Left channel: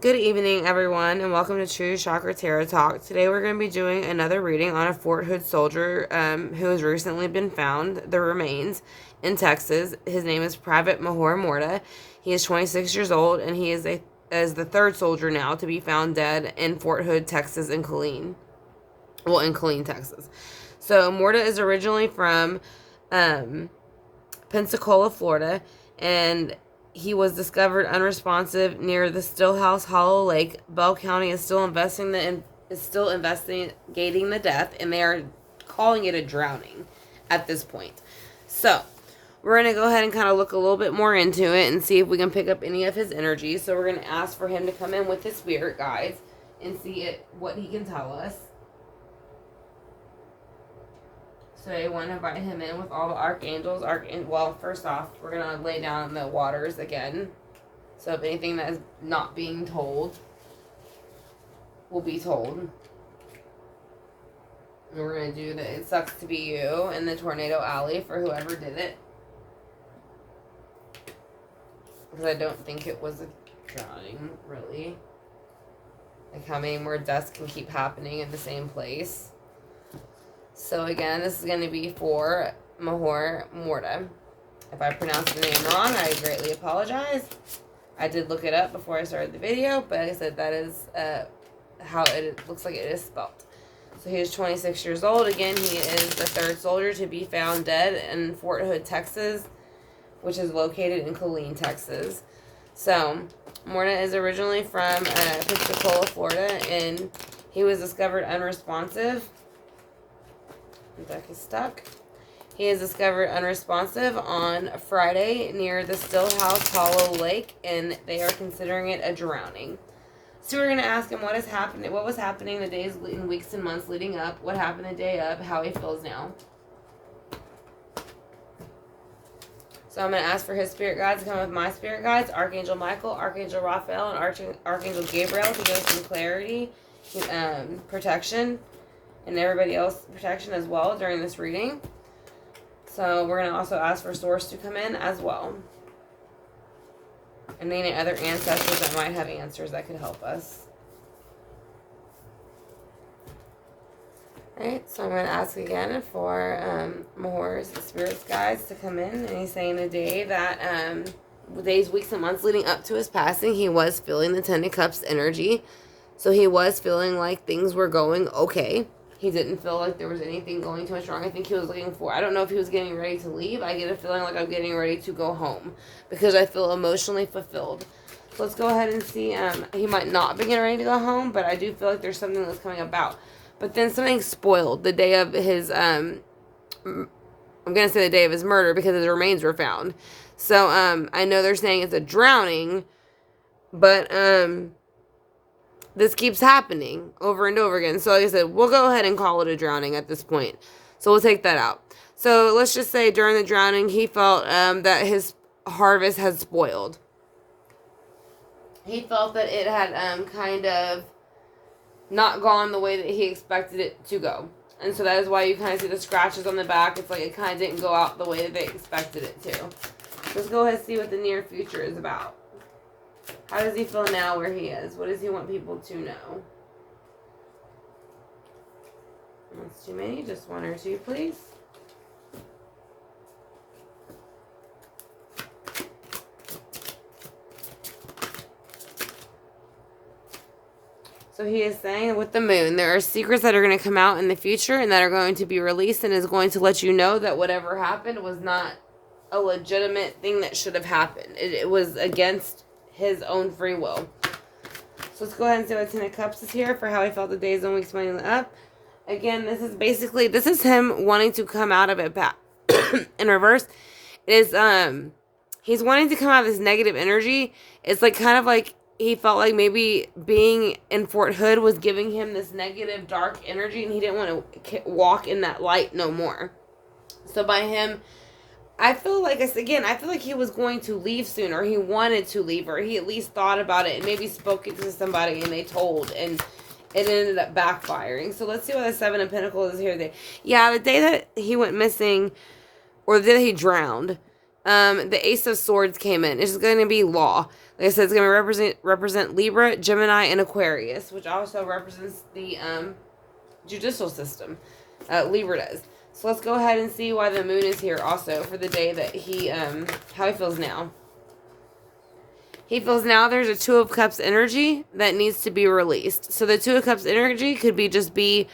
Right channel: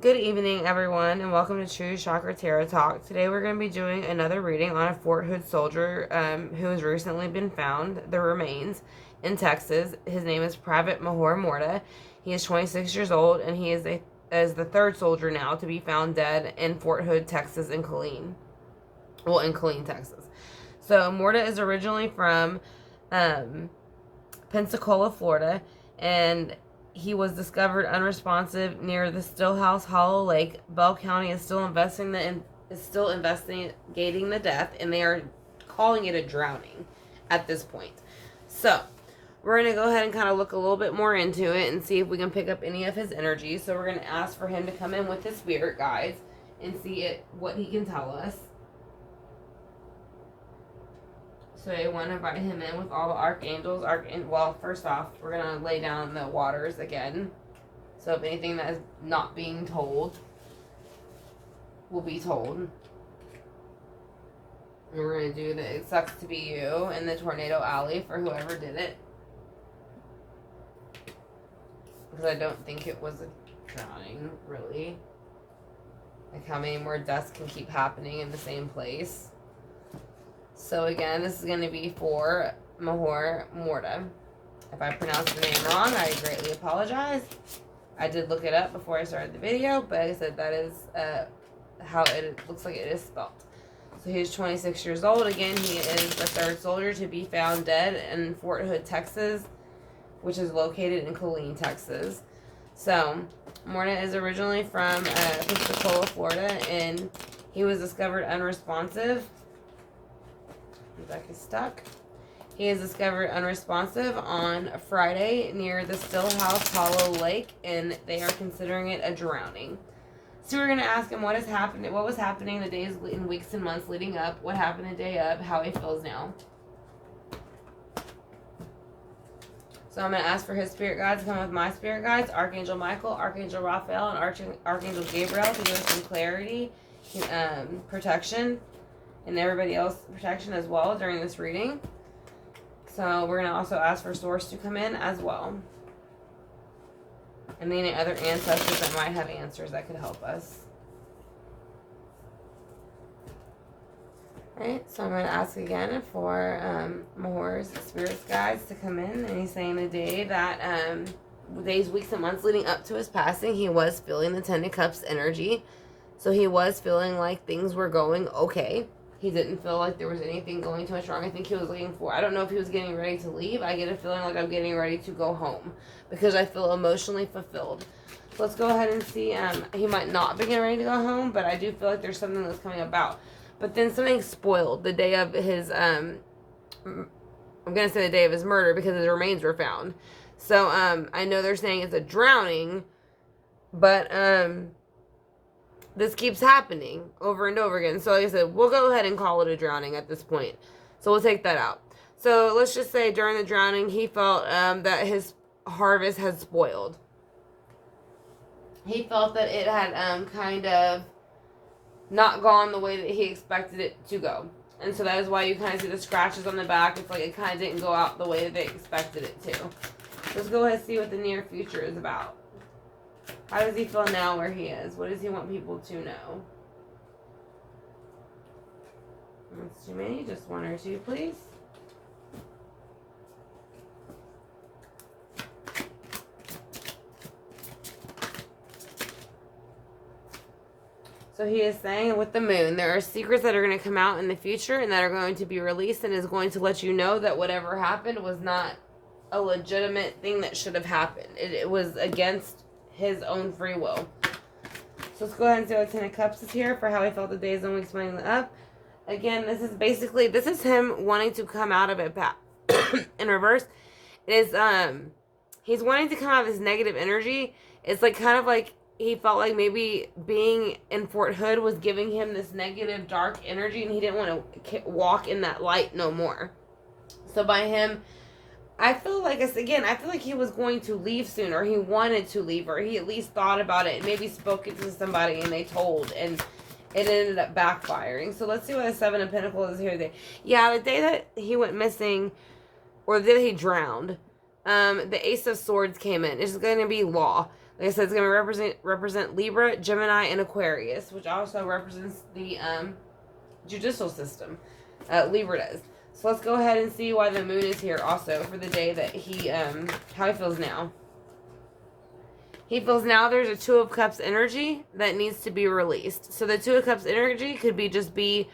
Good evening, everyone, and welcome to True Chakra Tarot Talk. Today, we're going to be doing another reading on a Fort Hood soldier who has recently been found, the remains, in Texas. His name is Private Mehjor Morta. He is 26 years old, and he is the third soldier now to be found dead in Fort Hood, Texas, and Killeen. Well, in Killeen, Texas. So, Morta is originally from Pensacola, Florida, and he was discovered unresponsive near the Stillhouse Hollow Lake. Bell County is still investigating the death, and they are calling it a drowning at this point. So, we're going to go ahead and kind of look a little bit more into it and see if we can pick up any of his energy. So, we're going to ask for him to come in with his spirit guides and see what he can tell us. So I want to invite him in with all the archangels. Well, first off, we're going to lay down the waters again. So if anything that is not being told will be told. And we're going to do the It Sucks to Be You in the Tornado Alley for whoever did it. Because I don't think it was a drowning, really. Like how many more deaths can keep happening in the same place. So again, this is going to be for Mehjor Morta. If I pronounced the name wrong, I greatly apologize. I did look it up before I started the video, but I said that is how it looks like it is spelled. So he is 26 years old. Again, he is the third soldier to be found dead in Fort Hood, Texas, which is located in Killeen, Texas. So Morta is originally from Pensacola, Florida, and he was discovered unresponsive. The deck is stuck. He is discovered unresponsive on Friday near the Stillhouse Hollow Lake, and they are considering it a drowning. So we're going to ask him what was happening the days and weeks and months leading up, what happened the day of, how he feels now. So I'm going to ask for his spirit guides to come with my spirit guides, Archangel Michael, Archangel Raphael, and Archangel Gabriel to give us some clarity, protection, and everybody else protection as well during this reading. So we're going to also ask for Source to come in as well. And any other ancestors that might have answers that could help us. Alright, so I'm going to ask again for Mehjor's spirits guides to come in. And he's saying the day that, the days, weeks, and months leading up to his passing, he was feeling the Ten of Cups energy. So he was feeling like things were going okay. He didn't feel like there was anything going too much wrong. I think he was looking for, I don't know if he was getting ready to leave. I get a feeling like I'm getting ready to go home because I feel emotionally fulfilled. So let's go ahead and see. He might not be getting ready to go home, but I do feel like there's something that's coming about. But then something spoiled the day of his, I'm going to say the day of his murder because his remains were found. So I know they're saying it's a drowning, but this keeps happening over and over again. So like I said, we'll go ahead and call it a drowning at this point. So we'll take that out. So let's just say during the drowning, he felt that his harvest had spoiled. He felt that it had kind of not gone the way that he expected it to go. And so that is why you kind of see the scratches on the back. It's like it kind of didn't go out the way that they expected it to. Let's go ahead and see what the near future is about. How does he feel now where he is? What does he want people to know? That's too many. Just one or two, please. So he is saying with the moon, there are secrets that are going to come out in the future and that are going to be released and is going to let you know that whatever happened was not a legitimate thing that should have happened. It was against his own free will. So let's go ahead and see what Ten of Cups is here for how he felt the days and weeks leading up. Again, this is him wanting to come out of it back. In reverse, is he's wanting to come out of this negative energy. It's like kind of like he felt like maybe being in Fort Hood was giving him this negative, dark energy, and he didn't want to walk in that light no more. So by him, I feel like he was going to leave soon, or he wanted to leave, or he at least thought about it and maybe spoke it to somebody and they told, and it ended up backfiring. So let's see what the Seven of Pentacles is here. Yeah, the day that he went missing, or the day that he drowned, the Ace of Swords came in. It's going to be law. Like I said, it's going to represent Libra, Gemini, and Aquarius, which also represents the judicial system. Libra does. So let's go ahead and see why the moon is here also for the day that he, how he feels now. He feels now there's a Two of Cups energy that needs to be released. So the Two of Cups energy could be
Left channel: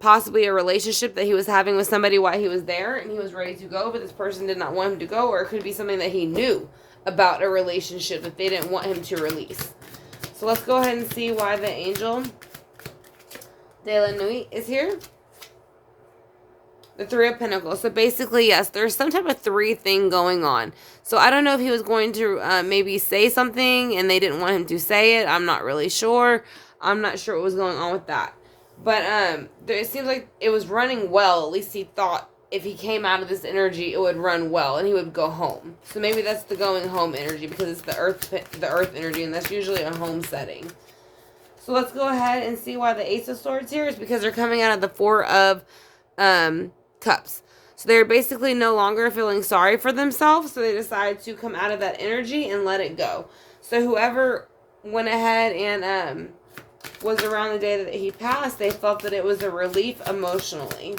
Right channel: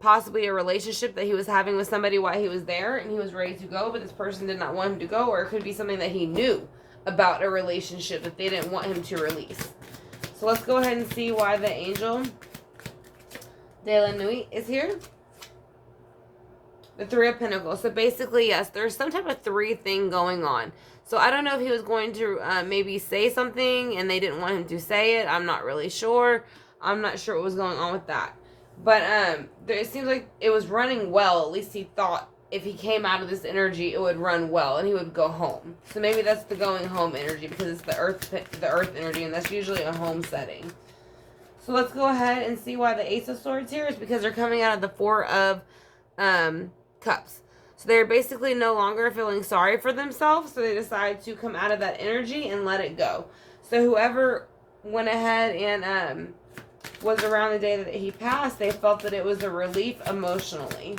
possibly a relationship that he was having with somebody while he was there and he was ready to go, but this person did not want him to go, or it could be something that he knew about a relationship that they didn't want him to release. So let's go ahead and see why the angel de la nuit is here. The Three of Pentacles. So basically, yes, there's some type of three thing going on. So I don't know if he was going to maybe say something and they didn't want him to say it. I'm not really sure. I'm not sure what was going on with that. But it seems like it was running well. At least he thought if he came out of this energy, it would run well and he would go home. So maybe that's the going home energy because it's the earth energy, and that's usually a home setting. So let's go ahead and see why the Ace of Swords here is because they're coming out of the Four of Cups. So they're basically no longer feeling sorry for themselves, so they decide to come out of that energy and let it go. So whoever went ahead and was around the day that he passed, they felt that it was a relief emotionally.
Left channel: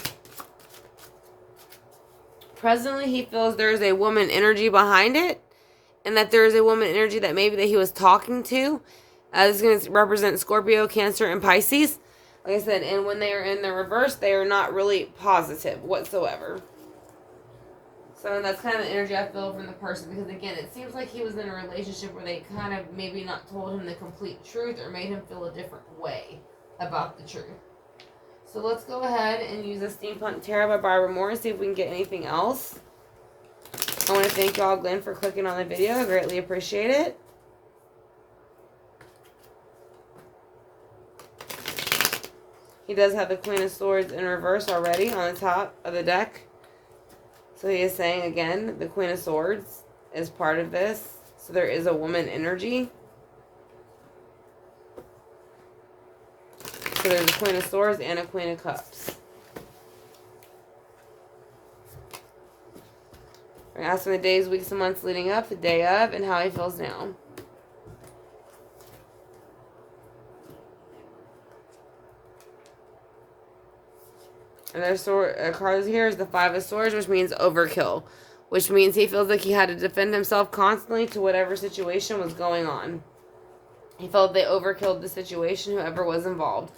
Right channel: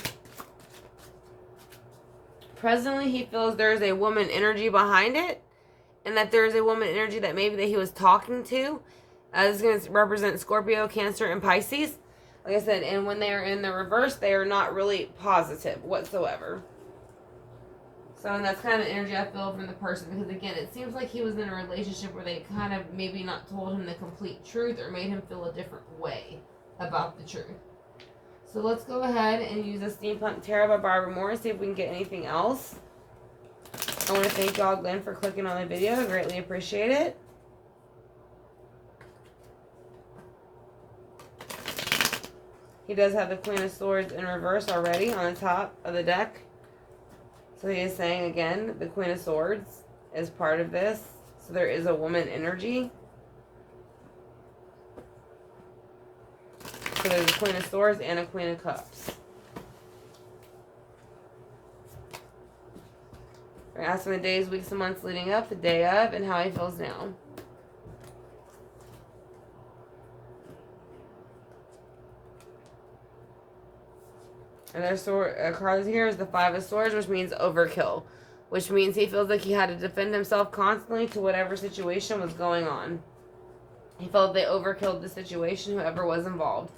Presently, he feels there's a woman energy behind it, and that there's a woman energy that maybe that he was talking to. This is going to represent Scorpio, Cancer, and Pisces. Like I said, and when they are in the reverse, they are not really positive whatsoever. So, and that's kind of the energy I feel from the person. Because, again, it seems like he was in a relationship where they kind of maybe not told him the complete truth or made him feel a different way about the truth. So, let's go ahead and use a Steampunk Tarot by Barbara Moore and see if we can get anything else. I want to thank y'all, Glenn, for clicking on the video. I greatly appreciate it. He does have the Queen of Swords in reverse already on the top of the deck. So he is saying, again, the Queen of Swords is part of this. So there is a woman energy. So there's a Queen of Swords and a Queen of Cups. We're going to ask him the days, weeks, and months leading up, the day of, and how he feels now. And their cards here is the Five of Swords, which means overkill. Which means he feels like he had to defend himself constantly to whatever situation was going on. He felt they overkilled the situation, whoever was involved.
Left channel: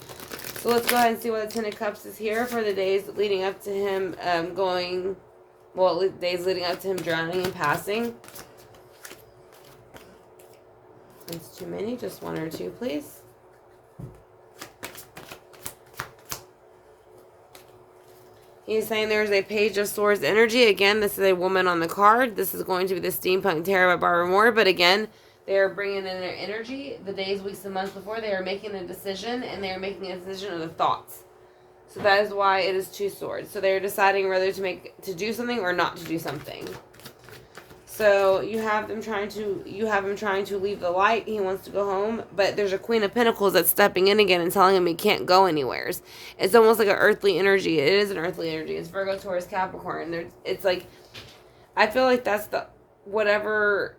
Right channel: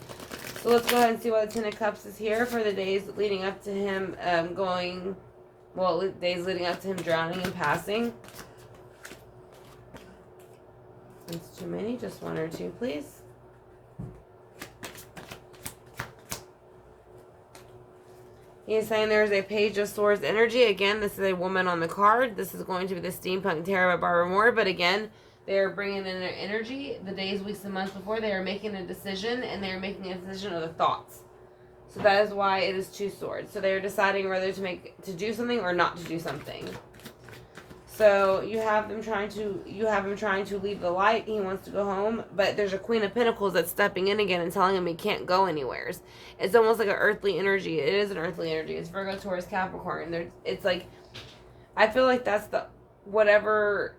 So let's go ahead and see what the Ten of Cups is here for the days leading up to him days leading up to him drowning and passing. That's too many, just one or two, please. He's saying there's a Page of Swords energy. Again, this is a woman on the card. This is going to be the Steampunk Tarot by Barbara Moore. But again, they are bringing in their energy. The days, weeks, and months before, they are making a decision. And they are making a decision of the thoughts. So that is why it is Two Swords. So they are deciding whether to do something or not to do something. So you have him trying to leave the light. He wants to go home, but there's a Queen of Pentacles that's stepping in again and telling him he can't go anywhere. It's almost like an earthly energy. It is an earthly energy. It's Virgo, Taurus, Capricorn. It's like, I feel like that's the whatever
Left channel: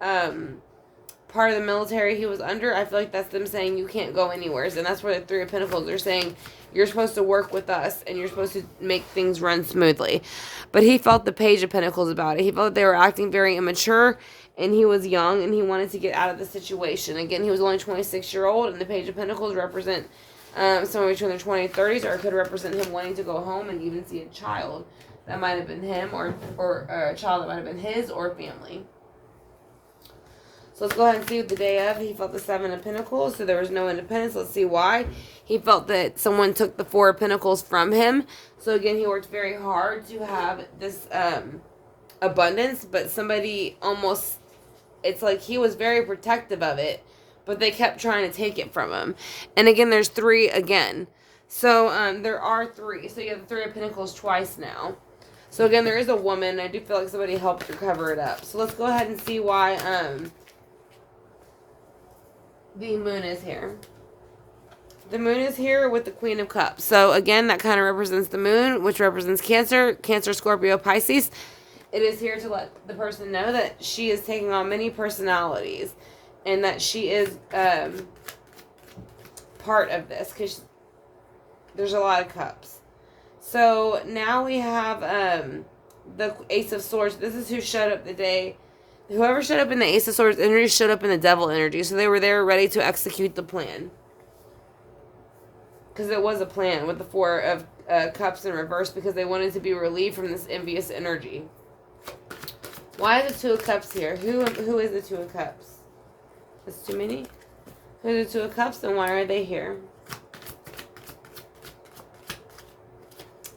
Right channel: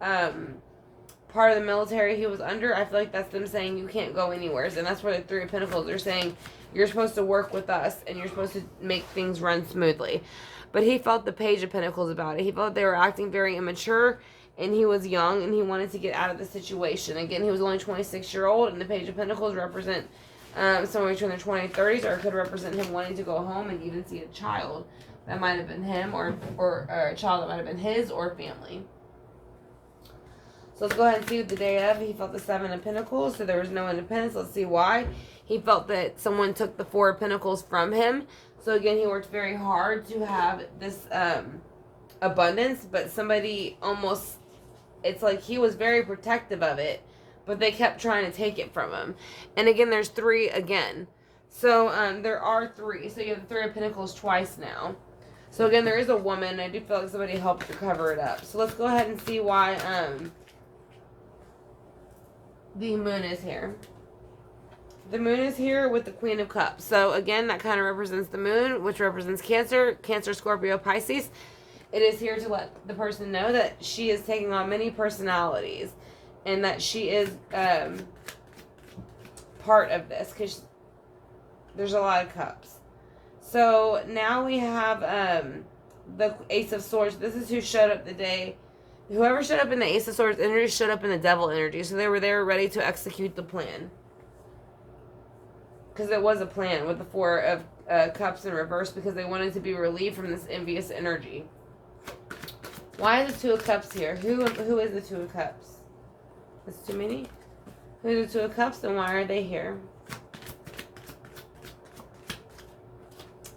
part of the military he was under. I feel like that's them saying you can't go anywhere, and that's where the Three of Pentacles are saying you're supposed to work with us and you're supposed to make things run smoothly. But he felt the Page of Pentacles about it. He felt they were acting very immature, and he was young, and he wanted to get out of the situation. Again, he was only 26-year-old, and the Page of Pentacles represent somewhere between their 20s and 30s, or it could represent him wanting to go home and even see a child. That might have been him, or a child that might have been his, or family. So let's go ahead and see what the day of. He felt the Seven of Pentacles, so there was no independence. Let's see why. He felt that someone took the Four of Pentacles from him. So again, he worked very hard to have this abundance, but somebody almost, it's like he was very protective of it, but they kept trying to take it from him. And again, there's three again. So there are three. So you have the Three of Pentacles twice now. So again, there is a woman. I do feel like somebody helped her cover it up. So let's go ahead and see why the moon is here. The moon is here with the Queen of Cups. So again, that kind of represents the moon, which represents Cancer, Scorpio, Pisces. It is here to let the person know that she is taking on many personalities and that she is part of this, because there's a lot of cups. So now we have the Ace of Swords. This is who showed up the day. Whoever showed up in the Ace of Swords energy showed up in the Devil energy. So they were there ready to execute the plan. Because it was a plan with the Four of Cups in reverse, because they wanted to be relieved from this envious energy. Why is the Two of Cups here? Who is the Two of Cups? That's too many? Who's the Two of Cups and why are they here?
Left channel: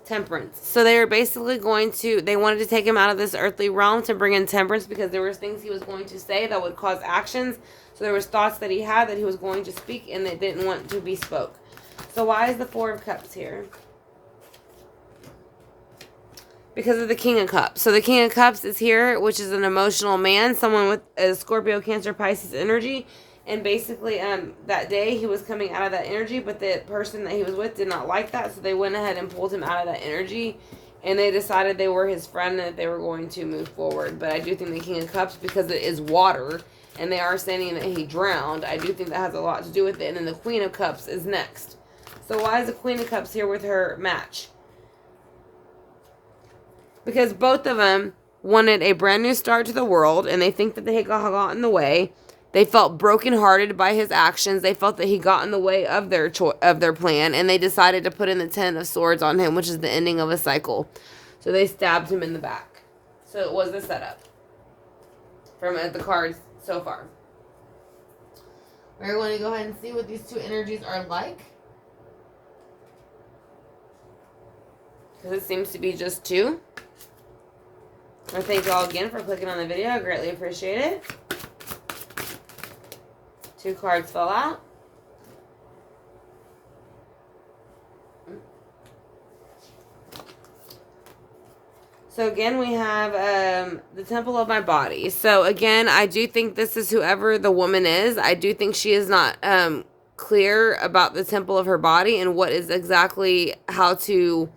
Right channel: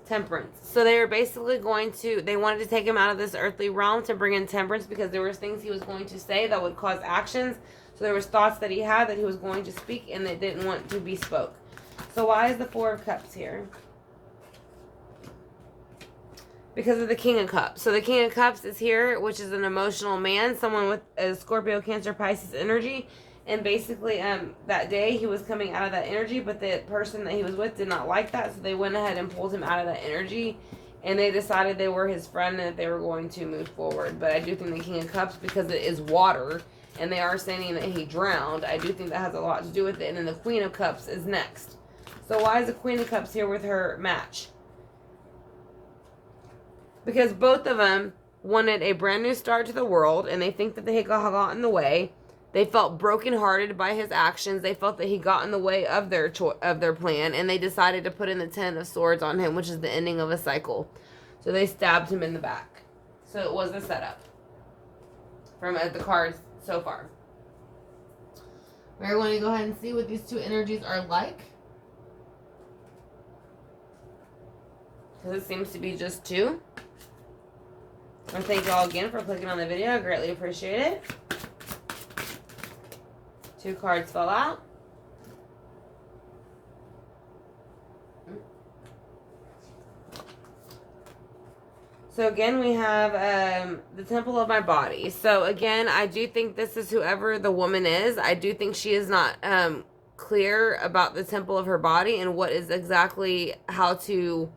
Temperance. So they were basically they wanted to take him out of this earthly realm to bring in temperance, because there were things he was going to say that would cause actions. So there was thoughts that he had that he was going to speak and that didn't want to be spoke. So why is the Four of Cups here? Because of the King of Cups. So the King of Cups is here, which is an emotional man, someone with a Scorpio, Cancer, Pisces energy. And basically, that day he was coming out of that energy, but the person that he was with did not like that, so they went ahead and pulled him out of that energy, and they decided they were his friend and that they were going to move forward. But I do think the King of Cups, because it is water, and they are saying that he drowned, I do think that has a lot to do with it. And then the Queen of Cups is next. So why is the Queen of Cups here with her match? Because both of them wanted a brand new start to the world, and they think that they got in the way. They felt brokenhearted by his actions. They felt that he got in the way of their plan, and they decided to put in the Ten of Swords on him, which is the ending of a cycle. So they stabbed him in the back. So it was the setup from the cards so far. We're going to go ahead and see what these two energies are like, because it seems to be just two. I want to thank you all again for clicking on the video. I greatly appreciate it. Two cards fell out. So again, we have the Temple of my body. So again, I do think this is whoever the woman is. I do think she is not clear about the temple of her body and what is exactly how to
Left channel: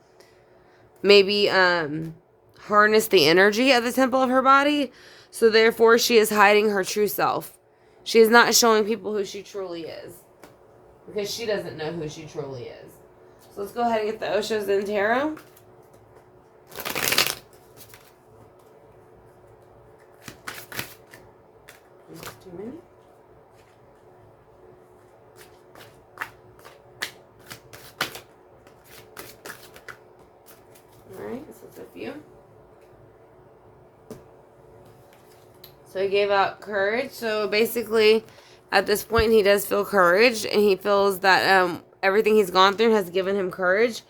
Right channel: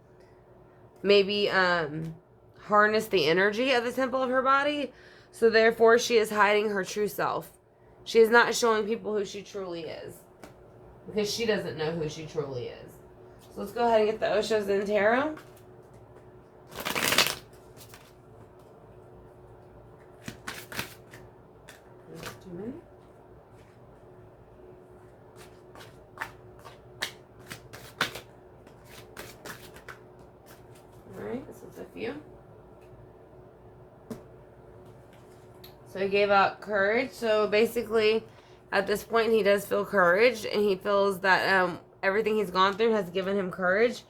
maybe harness the energy of the temple of her body. So therefore, she is hiding her true self. She is not showing people who she truly is, because she doesn't know who she truly is. So let's go ahead and get the Oshos and Tarot. Too many. Alright, so it's a few. So he gave out courage. So basically, at this point, he does feel courage, and he feels that everything he's gone through has given him courage.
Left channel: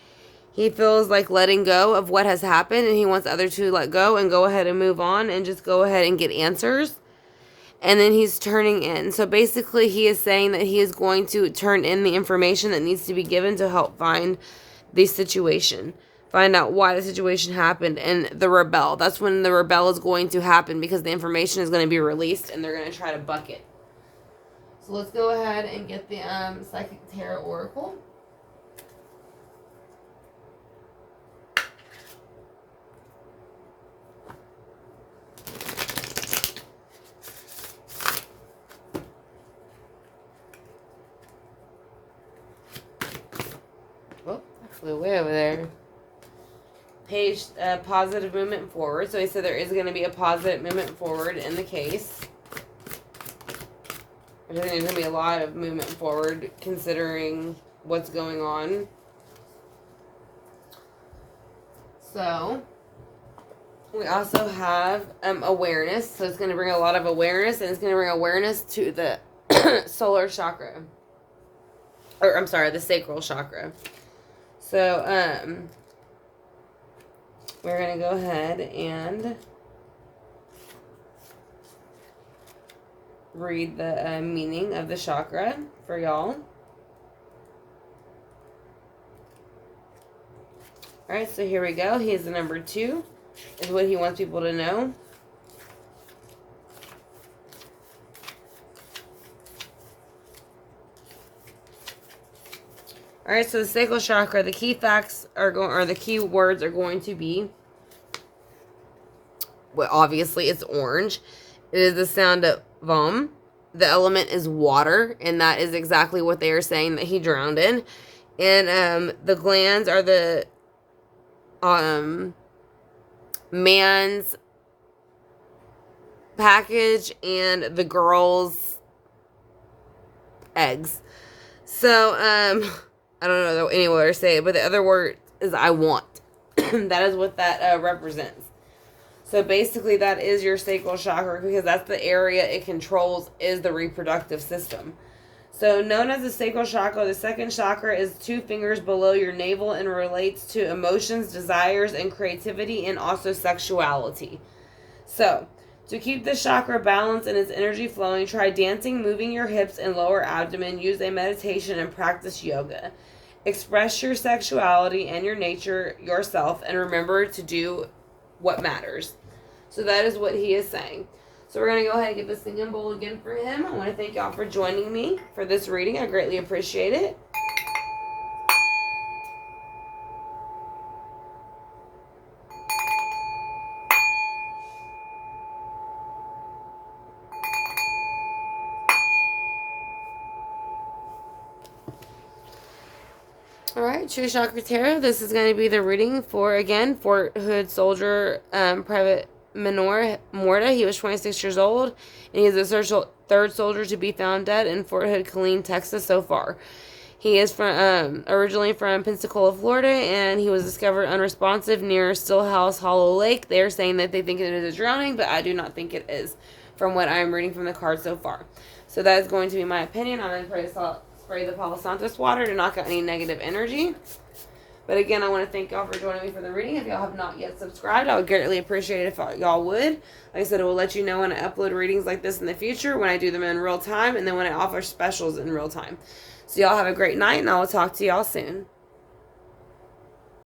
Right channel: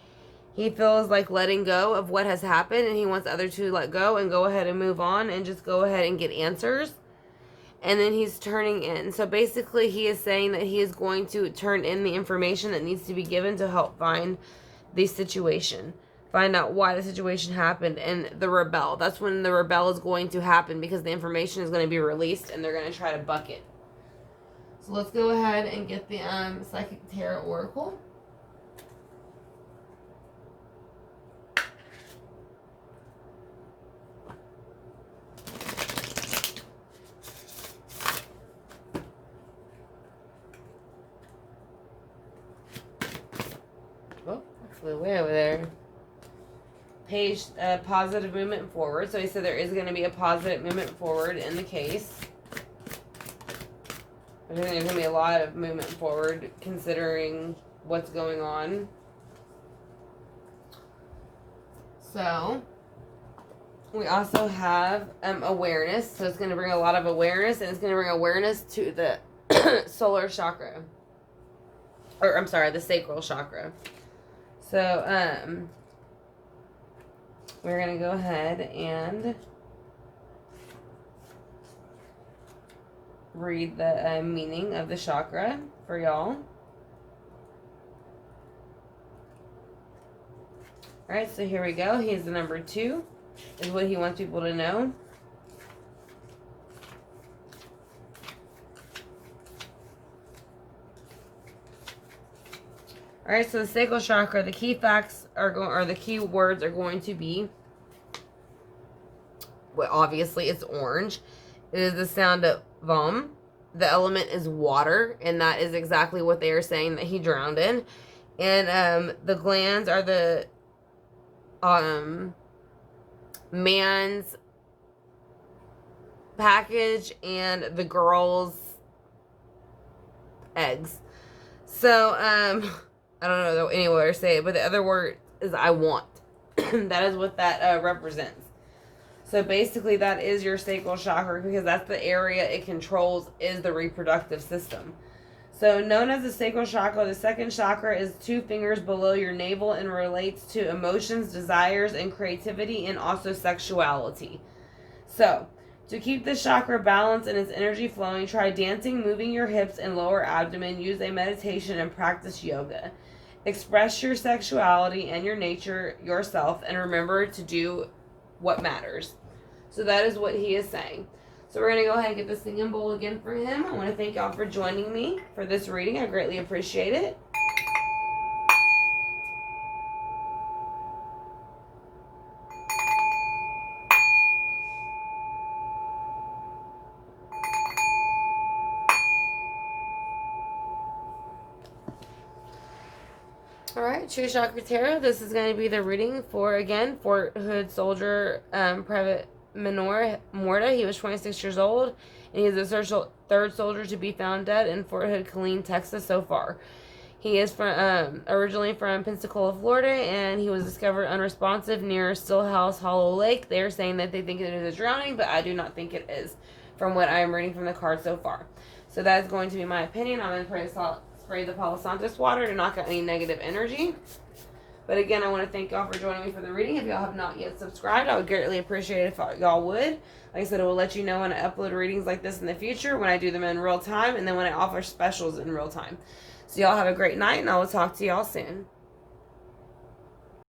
He feels like letting go of what has happened, and he wants others to let go and go ahead and move on and just go ahead and get answers. And then he's turning in. So basically, he is saying that he is going to turn in the information that needs to be given to help find the situation. Find out why the situation happened, and the rebel. That's when the rebel is going to happen, because the information is going to be released and they're going to try to buck it. So let's go ahead and get the Psychic Tarot Oracle. Whoa, that flew way over there. Page, positive movement forward. So he said there is going to be a positive movement forward in the case. There's going to be a lot of movement forward considering what's going on. So we also have awareness. So it's going to bring a lot of awareness, and it's going to bring awareness to the solar chakra. Or I'm sorry, the sacral chakra. So we're going to go ahead and read the meaning of the chakra for y'all. Alright, so here we go. He is the number 2, is what he wants people to know. Alright, so the sacral chakra, the key facts are going, or the key words are going to be well, obviously it's orange. It is the sound of vom. The element is water, and that is exactly what they are saying that he drowned in. And the glands are the man's package and the girl's eggs. So I don't know any way to say it, but the other word is I want. That is what that represents. So basically that is your sacral chakra, because that's the area it controls, is the reproductive system. So known as the sacral chakra, the second chakra is 2 fingers below your navel and relates to emotions, desires, and creativity, and also sexuality. So to keep the chakra balanced and its energy flowing, try dancing, moving your hips and lower abdomen, use a meditation, and practice yoga. Express your sexuality and your nature yourself, and remember to do what matters. So that is what he is saying. So we're going to go ahead and get the singing bowl again for him. I want to thank y'all for joining me for this reading. I greatly appreciate it. Alright, True Chakra Tarot. This is going to be the reading for, again, Fort Hood Soldier Private Mehjor Morta. He was 26 years old, and he is the third soldier to be found dead in Fort Hood, Killeen, Texas so far. He is from originally from Pensacola, Florida, and he was discovered unresponsive near Stillhouse Hollow Lake. They are saying that they think it is a drowning, but I do not think it is, from what I'm reading from the card so far. So that is going to be my opinion. I'm going to spray the Palo Santos water to knock out any negative energy. But again, I want to thank y'all for joining me for the reading. If y'all have not yet subscribed, I would greatly appreciate it if y'all would. Like I said, it will let you know when I upload readings like this in the future, when I do them in real time, and then when I offer specials in real time. So y'all have a great night, and I will talk to y'all soon.